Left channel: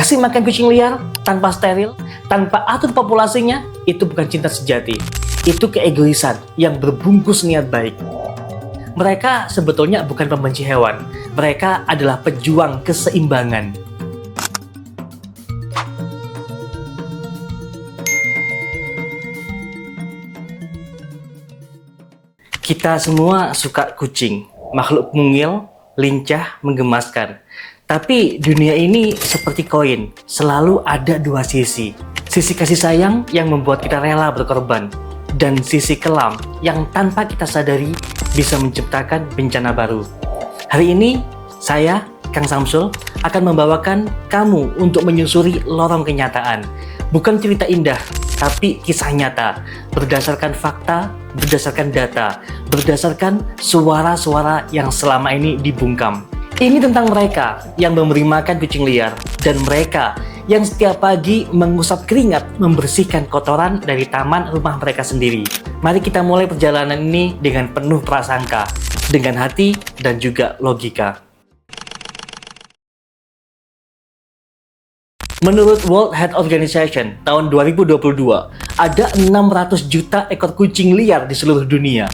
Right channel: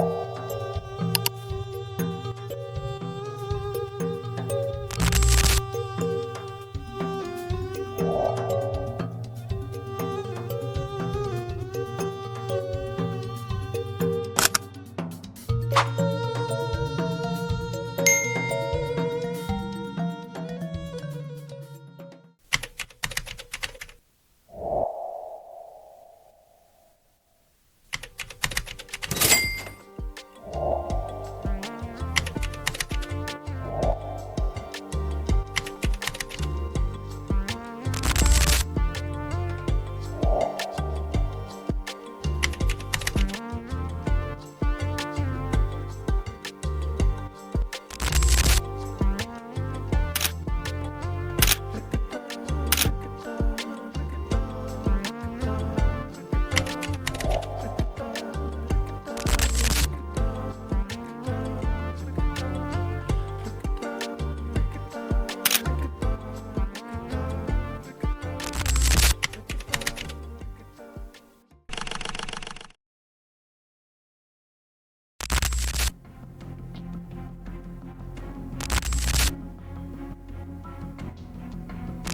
Kasih makan kucing liar tanpa steril, tanpa atur populasinya, itu bukan cinta sejati. Itu keegoisan yang berbungkus niat baik. Mereka sebetulnya bukan pembenci hewan. Mereka adalah pejuang keseimbangan. Kita semua suka kucing, makhluk mungil, lincah, menggemaskan. Tapi dunia ini seperti koin, selalu ada dua sisi. Sisi kasih sayang yang membuat kita rela berkorban, dan sisi kelam yang tanpa kita sadari bisa menciptakan bencana baru. Hari ini, saya, Kang Samsul, akan membawakan kamu untuk menyusuri lorong kenyataan. Bukan cerita indah, tapi kisah nyata, berdasarkan fakta, berdasarkan data, berdasarkan suara-suara yang selama ini dibungkam. Ini tentang mereka yang memberi makan kucing liar, dan mereka yang setiap pagi mengusap keringat membersihkan kotoran dari taman rumah mereka sendiri. Mari kita mulai perjalanan ini dengan penuh prasangka, dengan hati dan juga logika. Menurut World Health Organization tahun 2022, ada 600 juta ekor kucing liar di seluruh dunia.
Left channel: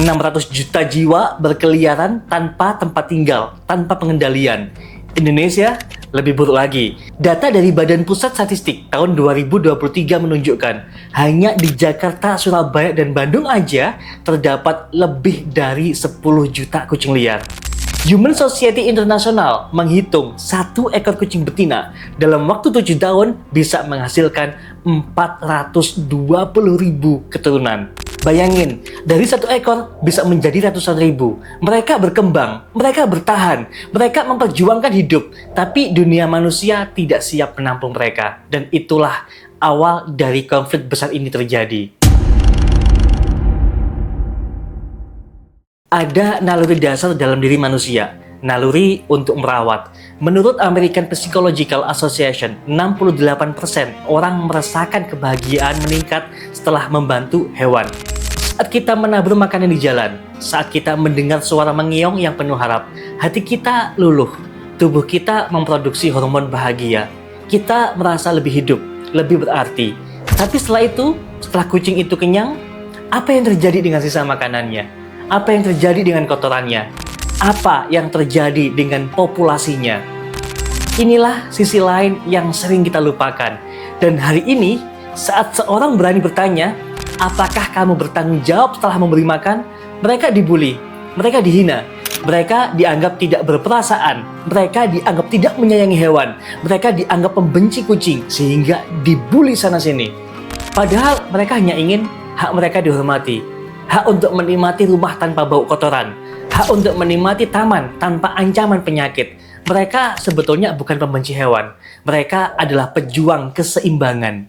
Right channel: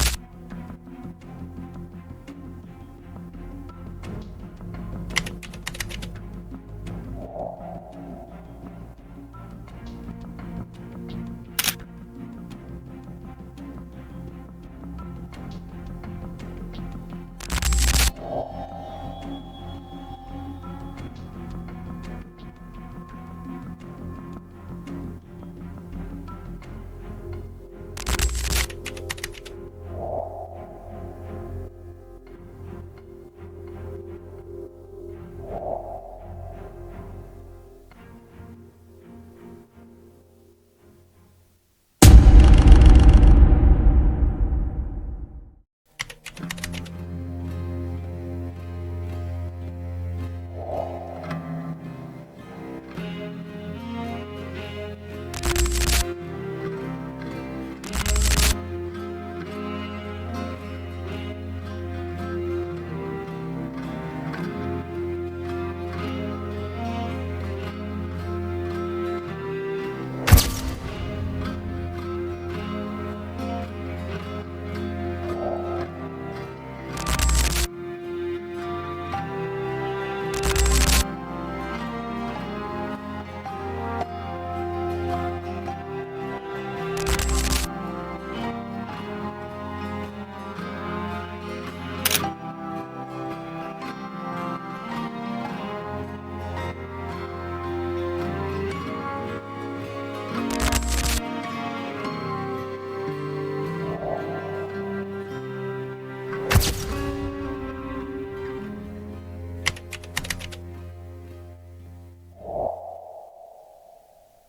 600 juta jiwa berkeliaran tanpa tempat tinggal, tanpa pengendalian. Indonesia lebih buruk lagi. Data dari Badan Pusat Statistik tahun 2023 menunjukkan hanya di Jakarta, Surabaya, dan Bandung aja terdapat lebih dari 10 juta kucing liar. Human Society International menghitung satu ekor kucing betina dalam waktu 7 tahun bisa menghasilkan 420.000 keturunan. Bayangin, dari satu ekor bisa menjadi ratusan ribu. Mereka berkembang, mereka bertahan, mereka memperjuangkan hidup. Tapi dunia manusia tidak siap menampung mereka. Dan itulah awal dari konflik besar ini terjadi. Ada naluri dasar dalam diri manusia, naluri untuk merawat. Menurut American Psychological Association, 68% orang merasakan kebahagiaan meningkat setelah membantu hewan. Saat kita menabur makanan di jalan, saat kita mendengar suara mengiong yang penuh harap, hati kita luluh, tubuh kita memproduksi hormon bahagia. Kita merasa lebih hidup, lebih berarti. Tapi setelah itu, setelah kucing itu kenyang, apa yang terjadi dengan sisa makanannya? Apa yang terjadi dengan kotorannya? Apa yang terjadi dengan populasinya? Inilah sisi lain yang sering kita lupakan. Dan hari ini, saat seorang berani bertanya, apakah kamu bertanggung jawab setelah memberi makan? Mereka dibully, mereka dihina, mereka dianggap tidak berperasaan, mereka dianggap tidak menyayangi hewan, mereka dianggap pembenci kucing, sehingga dibully sana-sini. Padahal mereka hanya ingin hak mereka dihormati, hak untuk menikmati rumah tanpa bau kotoran, hak untuk menikmati taman tanpa ancaman penyakit. Mereka sebetulnya bukan pembenci hewan, mereka adalah pejuang keseimbangan.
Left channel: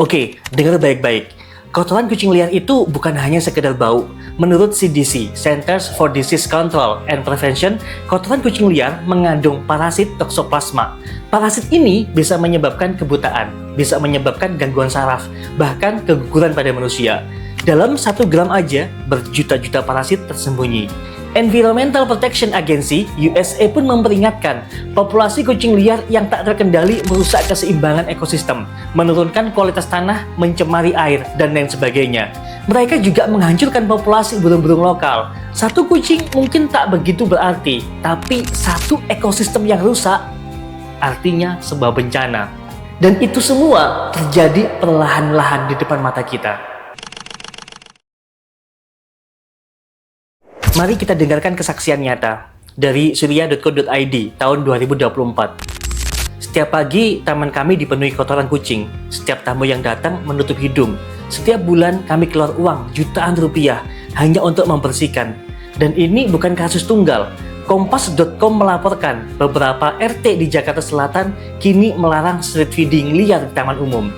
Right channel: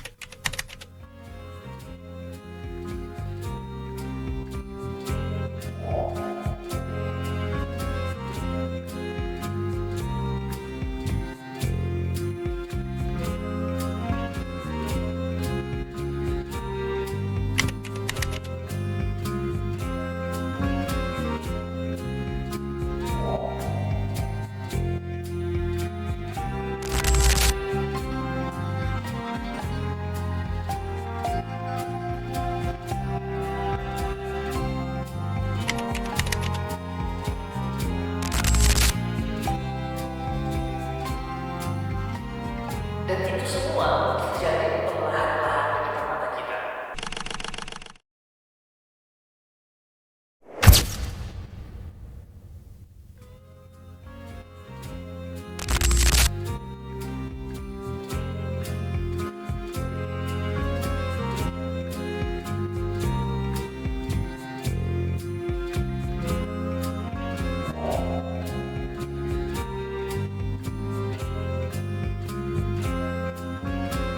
Oke, dengar baik-baik. Kotoran kucing liar itu bukan hanya sekedar bau. Menurut CDC, Centers for Disease Control and Prevention, kotoran kucing liar mengandung parasit toksoplasma. Parasit ini bisa menyebabkan kebutaan, bisa menyebabkan gangguan saraf, bahkan keguguran pada manusia. Dalam 1 gram aja, berjuta-juta parasit tersembunyi. Environmental Protection Agency USA pun memperingatkan populasi kucing liar yang tak terkendali merusak keseimbangan ekosistem, menurunkan kualitas tanah, mencemari air, dan lain sebagainya. Mereka juga menghancurkan populasi burung-burung lokal. Satu kucing mungkin tak begitu berarti, tapi satu ekosistem yang rusak artinya sebuah bencana. Dan itu semua terjadi perlahan-lahan di depan mata kita. Mari kita dengarkan kesaksian nyata dari surya.co.id tahun 2024. Setiap pagi, taman kami dipenuhi kotoran kucing. Setiap tamu yang datang menutup hidung. Setiap bulan kami keluar uang jutaan rupiah hanya untuk membersihkan. Dan ini bukan kasus tunggal. Kompas.com melaporkan beberapa RT di Jakarta Selatan kini melarang street feeding liar di taman umum.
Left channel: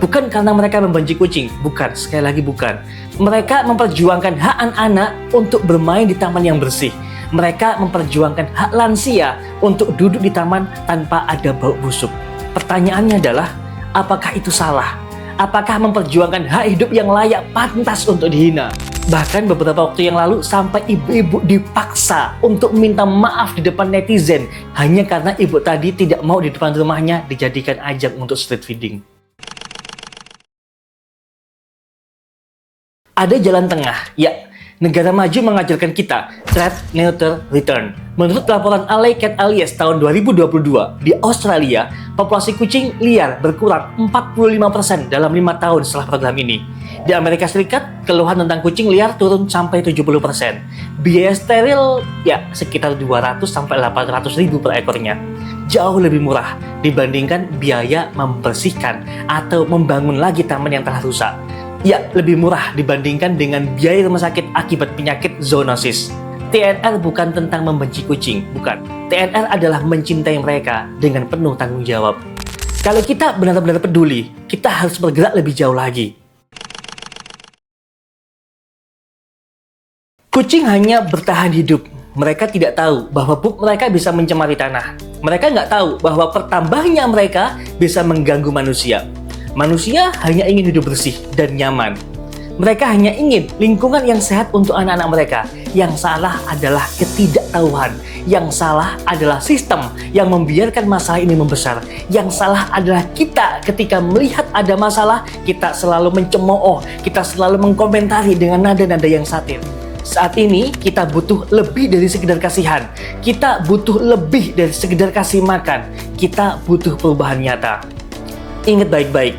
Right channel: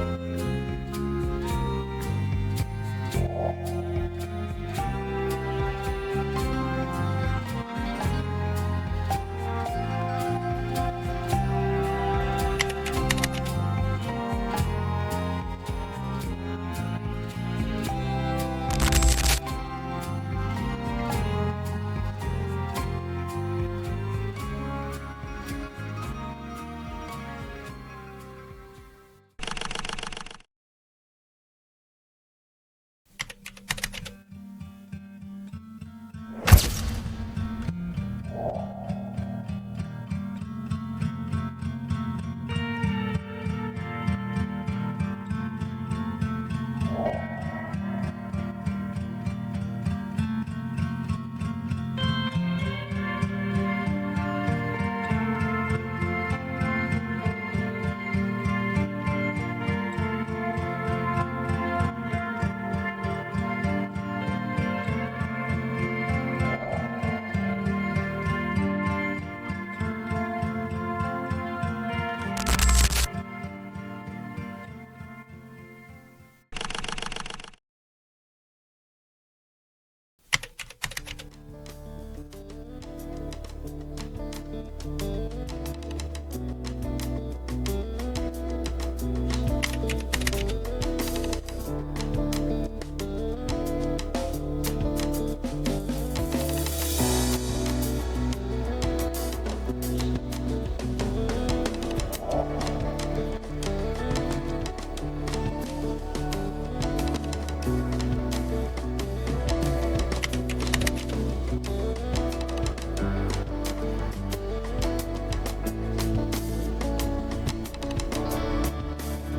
Bukan karena mereka membenci kucing, bukan, sekali lagi bukan. Mereka memperjuangkan hak anak-anak untuk bermain di taman yang bersih. Mereka memperjuangkan hak lansia untuk duduk di taman tanpa ada bau busuk. Pertanyaannya adalah, apakah itu salah? Apakah memperjuangkan hak hidup yang layak pantas untuk dihina? Bahkan beberapa waktu yang lalu sampai ibu-ibu dipaksa untuk minta maaf di depan netizen hanya karena ibu tadi tidak mau di depan rumahnya dijadikan ajang untuk street feeding. Ada jalan tengah, ya. Negara maju mengajarkan kita Trap, Neuter, Return. Menurut laporan Alley Cat Alias tahun 2022, di Australia, populasi kucing liar berkurang 45% dalam 5 tahun setelah program ini. Di Amerika Serikat, keluhan tentang kucing liar turun sampai 70%. Biaya steril ya sekitar 200-800 ribu per ekornya. Jauh lebih murah dibandingkan biaya membersihkan atau membangun lagi taman yang telah rusak. Ya, lebih murah dibandingkan dengan biaya rumah sakit akibat penyakit zoonosis. TNR bukan tentang membenci kucing, bukan. TNR adalah mencintai mereka dengan penuh tanggung jawab. Kalau kita benar-benar peduli, kita harus bergerak lebih jauh lagi. Kucing hanya bertahan hidup. Mereka tidak tahu bahwa pup mereka bisa mencemari tanah. Mereka nggak tahu bahwa pertambahannya mereka bisa mengganggu manusia. Manusia hanya ingin hidup bersih dan nyaman. Mereka hanya ingin lingkungan yang sehat untuk anak-anak mereka. Yang salah adalah ketidaktahuan. Yang salah adalah sistem yang membiarkan masalah ini membesar. Yang salah adalah kita ketika melihat ada masalah, kita selalu mencemooh, kita selalu mengkomentari dengan nada-nada yang satir. Saat ini kita butuh lebih dari sekedar kasihan. Kita butuh lebih dari sekedar kasih makan. Kita butuh perubahan nyata. Ingat baik-baik,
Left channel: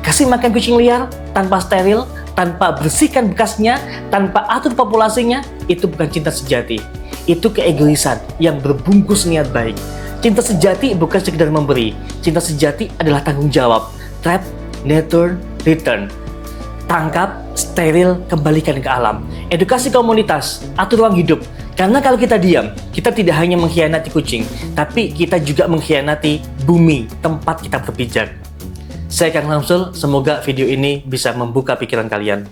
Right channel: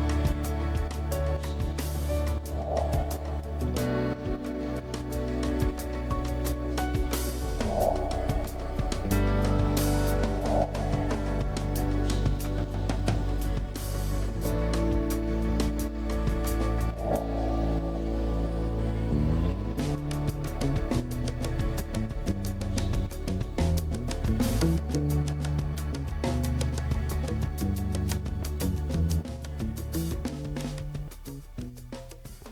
kasih makan kucing liar tanpa steril, tanpa bersihkan bekasnya, tanpa atur populasinya, itu bukan cinta sejati. Itu keegoisan yang berbungkus niat baik. Cinta sejati bukan sekedar memberi. Cinta sejati adalah tanggung jawab. Trap, Neuter, Return. Tangkap, steril, kembalikan ke alam. Edukasi komunitas, atur ruang hidup. Karena kalau kita diam, kita tidak hanya mengkhianati kucing, tapi kita juga mengkhianati bumi tempat kita berpijak. Saya Kang Samsul, semoga video ini bisa membuka pikiran kalian.